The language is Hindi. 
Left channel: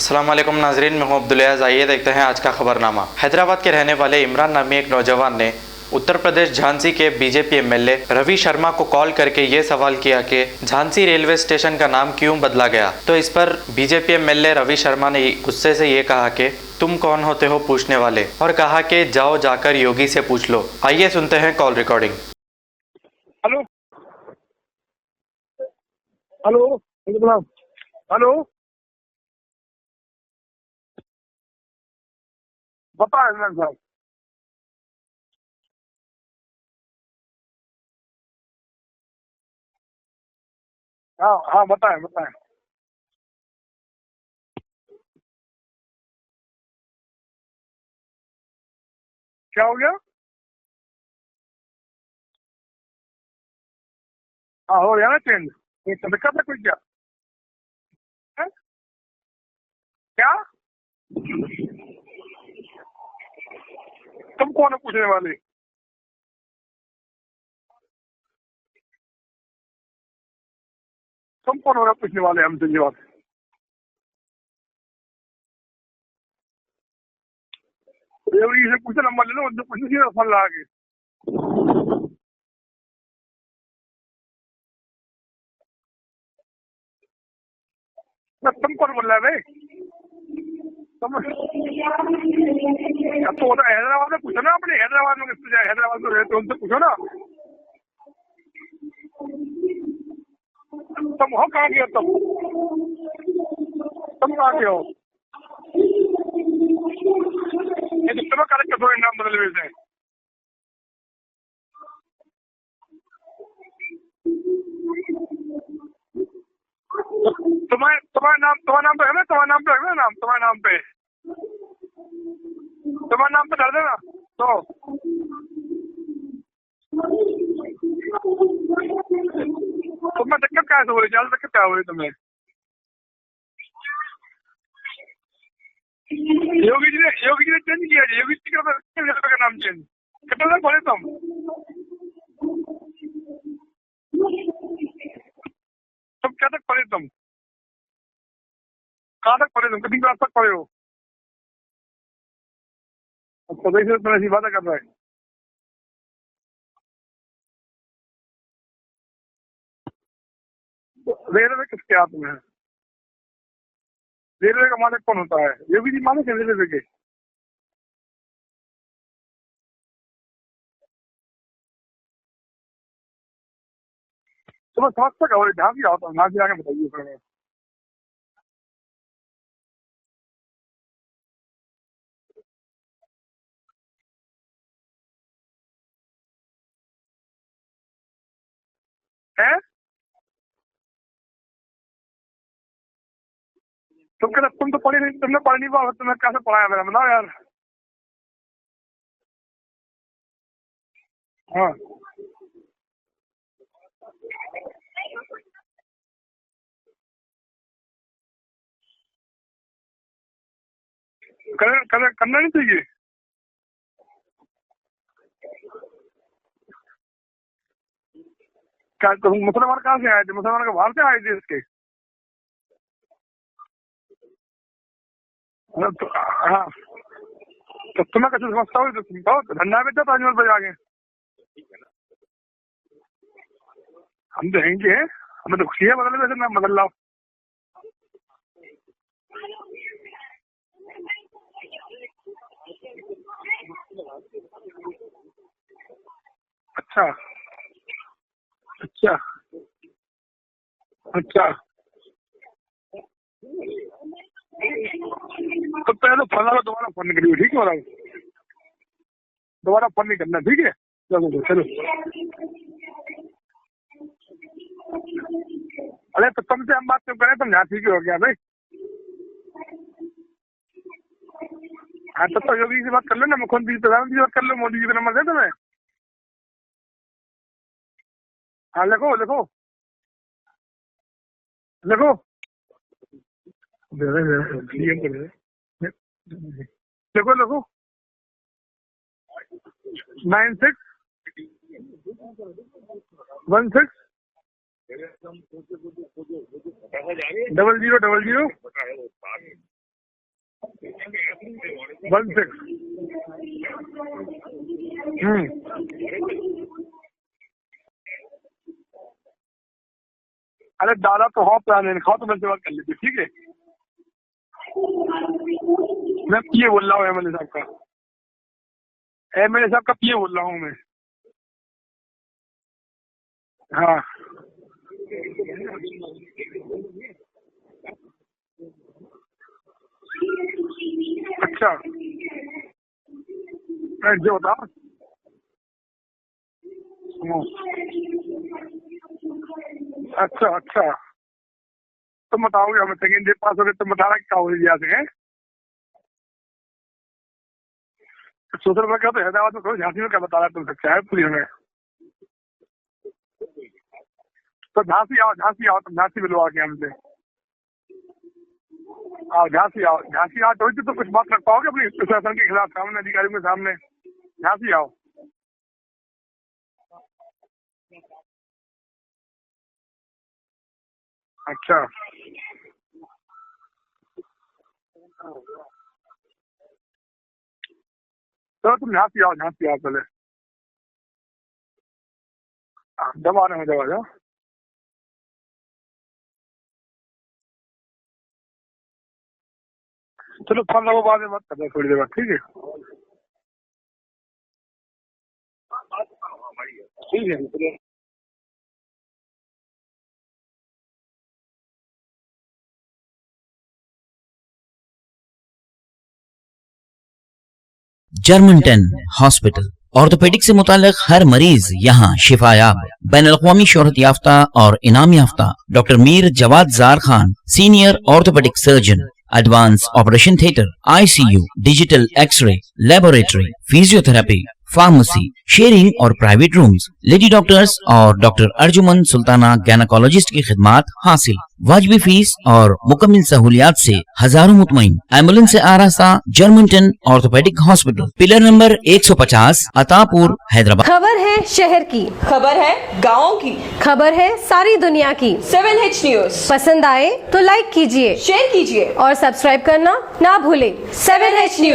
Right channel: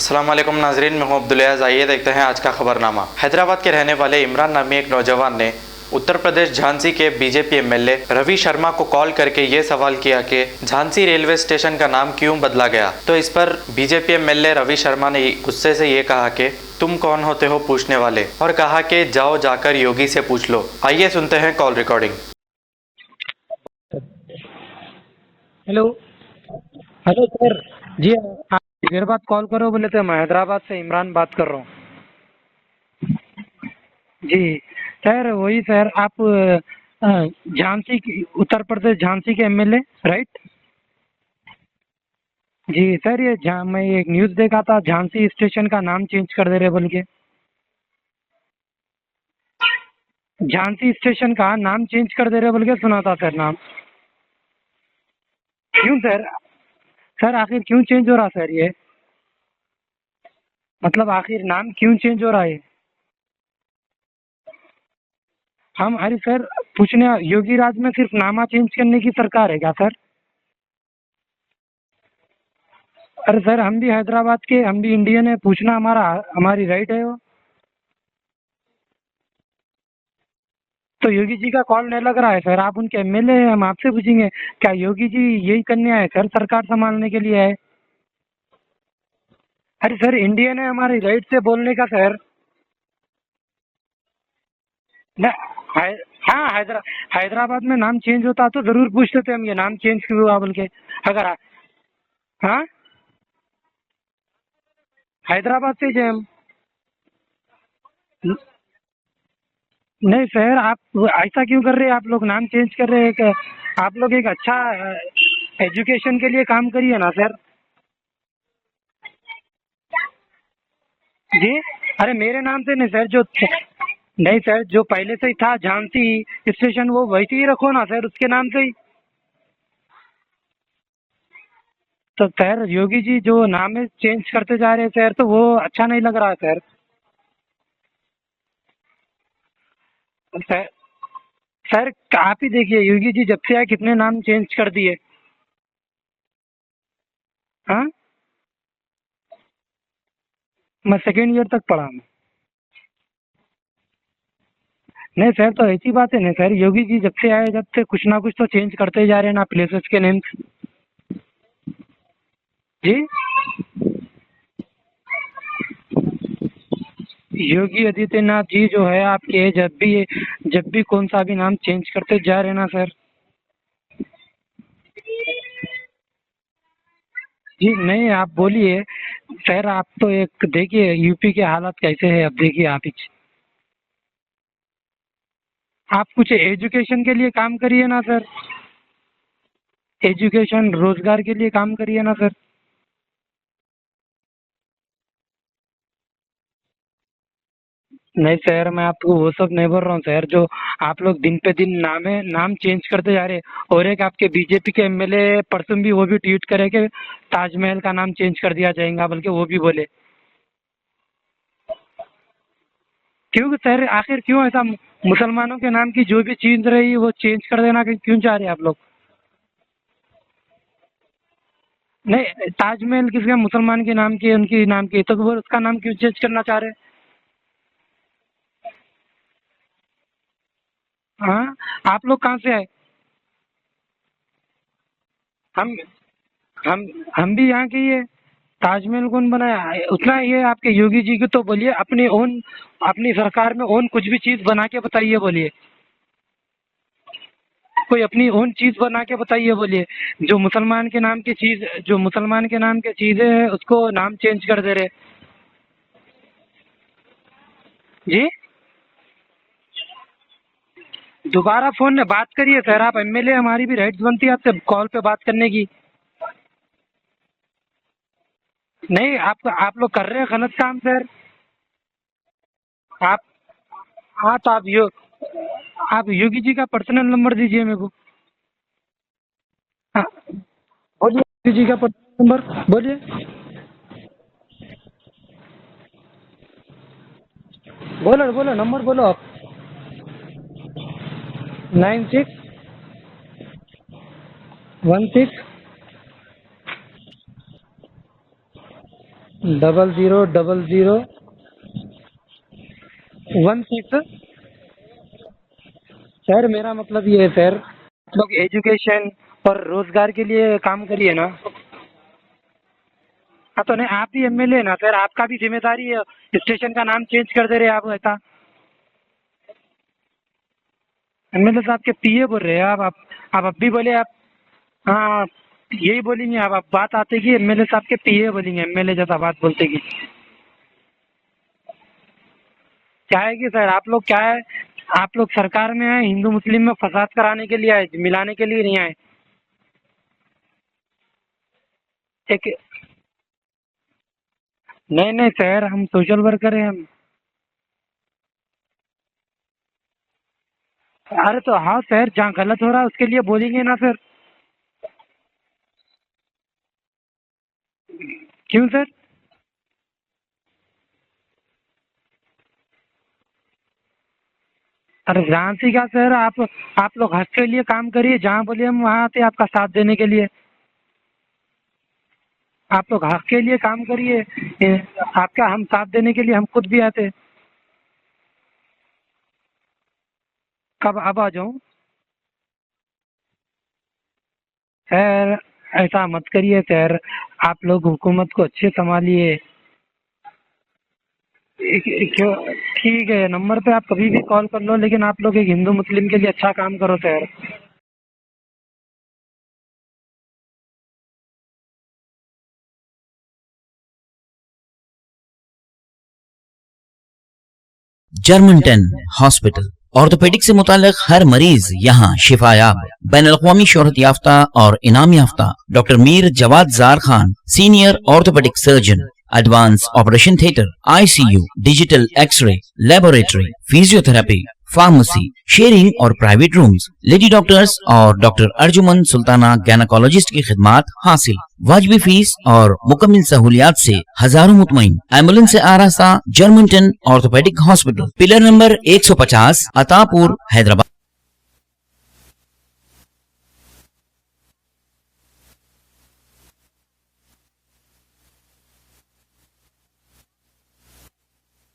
अस्सलाम वालेकुम नाजरीन, मैं हूं अब्दुल-अज़ीज़। आइए देखते हैं आज का खबरनामा। हैदराबाद के रहने वाले इमरान नामी एक नौजवान ने उत्तर प्रदेश झांसी के बीजेपी एमएलए रवि शर्मा को कॉल करके ये सवाल किया कि झांसी रेलवे स्टेशन का नाम क्यों बदला गया। तो इस पर बीजेपी एमएलए रवि शर्मा ने गुस्से से ये कहा कि तुम कौन होते हो पूछने वाले, और कहा कि जाओ जाकर योगी से पूछ लो। आइए सुनते हैं call recording. Hello hello hello hello sir ji. Hello आप देर बाद कॉल करो बोले थे। मैं हैदराबाद से इमरान बात कर रहा हूँ। बता इमरान साहब। जी सर, वही सर, आप झांसी की, उत्तर प्रदेश झांसी के एमएलए राइट? हाँ हाँ बताएं बताएं। जी सर, मैं एक न्यूज़ देखा था, झांसी स्टेशन का नाम चेंज कर दे रहे बोल के। क्या हो गया? झांसी स्टेशन का नाम चेंज कर दे रहे बोल के सुना था सर नाम। हाँ हो गया ना चेंज। क्यों सर? दिक्कत है कोई क्या? सर आखिर क्यों चेंज हो रहा सर ये? क्या मतलब आखिर नाम क्यों चेंज हो रहा है? तुम कौन है पूछने वाले? हम अरे सर पूछने, योगी राज में सिर्फ नामा चेंज करने की सरकार है क्या सर? तुम कौन हो रहा पूछने वाले हमसे ये बात? अरे सर, हम भी हैदराबाद के, हम भी इंडियन है, पूछना हमारी राइट है वो। योगी से पूछे नंबर ले लो, उनसे पूछने की फोन लगा के। तो योगी जी का कॉल नहीं लग रहा है सर, आप उनके एमएलए हैं, हम आपसे पूछेंगे क्या योगी जी यही करने आए सर, सरकार संभालने के लिए आए? तुम कौन बोल रहा है भाई? अरे सर, इंडियन है, हमारी राइट से बोलने का सर। तो वो तो हैदराबाद में पूछो ना, अपने हैदराबाद में हैदराबाद में रहते हो तो पूछो ना। हैदराबाद में नाम चेंज होता तो जरूर पूछते थे हम, ये नाम चेंज क्यों हुआ बोल के। अगर तुम हो कहाँ के हो तुम? हाँ, तुम कहाँ के हो? हैदराबाद से जो हम। ये तो तुम्हें करेक्ट थोड़ी नाम बदल देते हैं। नहीं सर, आप ऐसा क्यों कर रहे हैं? आप लोग नाम चेंज कर रहे हैं आप लोग एक अच्छा एजुकेशन के लिए काम करिए ना सर। तुम्हारा नाम पे है ना, तुम्हारा नाम पे है ना, नाम तुम्हारे नाम पे। जी, अरे मेरे नाम से नहीं सर, जो तुम्हारा नाम पे कर देना। नहीं तो सर, जो पहले से ही था झांसी स्टेशन वो वैसे ही रखो ना सर, उसके नाम से ही। तुम्हें दिक्कत क्या हो रही है? ज्यादा दिक्कत क्या हो रही है तुम्हें? तो सर योगी जी जो नाम है चेंज करते जा रहे हैं सर, तो वो अच्छा नहीं लग रहा है सर। योगी जी ने चेंज किया है। योगी जी का नाम चेंज कितने सर, तक पढ़े तुम? सर आप ही देखिए, योगी जी जब से आए कितने नाम चेंज कर दिए। तुम क्या तक पढ़े तुम? हाँ, कहाँ तक पढ़े तुम? कितनी क्लास तक पढ़े हो? मैं सेकेंड ईयर तक पढ़ा हूँ। तो देखिए तुम ऐसी बातें कर रहा है। नहीं सर, तो ऐसी बात है नहीं सर, योगी जी जब से आए, जब से कुछ ना कुछ तो चेंज करते जा रहे हैं ना प्लेसेस के नेम। रेलवे किसके हाथ में है? जी, रेलवे का मालिक कौन होता है? योगी जी मालिक है रेलवे के। योगी आदित्यनाथ जी जो है आपके, जब भी कौन सा भी नाम चेंज करते जा रहे हैं ना सर। तुम्हें समझ तक और जहाँ भी आओ तो जहाँ भी आके बताइए फिर। जी नहीं, आप बोलिए सर। आप तो एक देखिए यूपी के हालात कैसे है, अब देखिए आप ही। आप कुछ एजुकेशन के लिए काम करिए ना सर, है एजुकेशन रोजगार के लिए काम करिए ना सर। तुम तो पढ़ी नहीं, तुमने पढ़ नहीं पाओ, तुम्हें कैसे पढ़ाया मेरा बताओ यार। नहीं सर, मैं आपको वो सब नहीं बोल रहा हूँ सर, जो आप लोग दिन पे दिन नाम चेंज करते जा रहे हैं। और एक आपके बीजेपी के एमएलए परसों भी वो भी ट्वीट करे कि ताजमहल का नाम चेंज कर दिया जाएगा, बल्कि वो भी बोले। करना नहीं चाहिए। क्यों सर, आखिर क्यों ऐसा? मुसलमानों के नाम की जो भी चीज रही वो चेंज कर देना क्यों चाह रहे हैं आप लोग? क्या मुसलमान कहाँ से आए थे? मुसलमान के बाहर से आए थे इसके। नहीं, ताजमहल किसके मुसलमान के नाम की, उनकी नाम की, तो वो उसका नाम क्यों चेंज करना चाह रहे हैं? तो तुम्हें कैसे समझता हो? तो तुम कहो धंधा बेचो ताजमहल पर जाके। हाँ, आप लोग कहाँ से आए? हम तो यहीं के हैं। हमें तो खुशी है बदल वैसे मैं बदल रहा हूँ। हम भी यहाँ के ही है। ताजमहल कौन बनाया? उतना ये आपके योगी जी की तो बोलिए, अपनी सरकार में ओन कुछ भी चीज बना के बताइए, बोलिए अच्छा कोई अपनी ओन चीज बना क्या? के बताइए, बोलिए। जो मुसलमान के नाम की अच्छा। चीज, जो मुसलमान के नाम की चीजें हैं उसको नाम चेंज कर दे रहे। तो पहले फला को दोबारा फोन नहीं करिए, ठीक है? जी, दोबारा फोन नहीं करना, ठीक है? दोबारा फोन में बात करिए सर, आप एमएलए, हमारी भी राइट्स बनती है आपसे कॉल पे बात करने की। अरे तो तुमसे हम बात क्यों करें? तुम यहाँ ठीक हो गया भाई। नहीं, आप लोग कर रहे हैं गलत काम सर। हाँ तो योगी से बात कर लो ना, मुख्यमंत्री प्रधानमंत्री से हाँ, बात कर तो लो। मोदी जी का नंबर दे तुम्हें। आप योगी जी का पर्सनल नंबर दीजिए मेरे को। हाँ लिखो लिखो। हाँ, बोलिए योगी जी का देखो। नंबर बोलिए। देखो देखो। बोलो नंबर बोलो आप। 96 96 16 16 0000 0000 16। 16। सर मेरा मतलब ये है सर, लोग एजुकेशन और रोजगार के लिए काम अरे करिए ना। तो हो प्लान है, खाओ तो मैं बात कर लीजिए, ठीक है। हाँ तो नहीं, आप ही एमएलए ना सर, आपका भी जिम्मेदारी है, मैं स्टेशन बोल का रहा नाम हूँ चेंज MLA कर दे रहे आप ऐसा। एमएलए साहब का पीए बोल रहा हूँ मैं। एमएलए साहब के पीए बोल रहे हैं आप अब भी बोले हाँ। आप। हाँ यही बोलेंगे आप बात आते कि एमएलए साहब के पीए बोलेंगे, एमएलए जैसा बात बोलते कि। अच्छा क्या है कि सर आप लोग क्या है, आप लोग सरकार में आए, हिंदू मुस्लिम में फसाद कराने के लिए आए, मिलाने के लिए नहीं आए। अच्छा तो ठीक है। बताओगे हमें सेकेंड डे पास हो गए तो बताना क्या हो जाते हैं। नहीं सर, हम सोशल वर्कर हैं हम। सोशल वर्कर तो हैदराबाद में करो, झांसी में क्या बता रहा है तुम सकता है पुलिस अरे में। तो हाँ सर, जहाँ गलत हो रहा है उसके लिए बोलेंगे ना फिर। तो झांसी आओ तुम झांसी मिलो आके हमसे। क्यों सर? आओ झांसी आओ तो कुछ बात रख पाओगे अपनी प्रशासन के खिलाफ सामने, अधिकारियों के सामने। झांसी आओ। अरे झांसी का सर, आप लोग हक के लिए काम करिए, जहाँ बोलिए हम वहाँ आते आपका साथ देने के लिए। अच्छा आप लोग हक के लिए काम करिए, आपका हम साथ देने के लिए हम खुद भी आते। तो तुम झांसी आओ पहले। कब अब आ जाऊँ? जब आ रहे हो जब आ जाओ। सर ऐसा मत करिए सर, आप लोग हुकूमत को अच्छे संभालिए। चलो फोन लगो, बाद में बात करते हैं थोड़ी देर बाद, ठीक है? ठीक है, नंबर पे आप कभी भी कॉल कर लो, लेकिन आप लोग एक हिंदू मुस्लिम के लिए अच्छा काम करो सर। ठीक है। जर्मनटन हॉस्पिटल ऑर्थोपेडिक से मुताल्लिक हर मरीज यहाँ शिफायाब। बैनुल-अक़वामी शोहरत याफ्ता और इनाम याफ्ता doctor Mir Jawad Jar Khan, senior orthopaedic surgeon, advance operation theatre, ICU, digital x-ray, laboratory, physiotherapy, pharmacy, sharing और प्राइवेट रूम्स, लेडी डॉक्टर्स और डॉक्टर अर्जुमन सुल्ताना गैनाकोलॉजिस्ट की खिदमात हासिल। वाजबी फीस और मुकम्मल सहूलियात से हजारों मुतमईन। एम्बुलेंस से आरास्ता Germanton orthopaedic hospital, pillar number 150, Attapur, Hyderabad. खबर है शहर की, खबर है गाँव की, खबर है सारी दुनिया की। 7H न्यूज पसंद आए तो लाइक कीजिए, शेयर कीजिए और सब्सक्राइब करना ना भूलें। 7H news.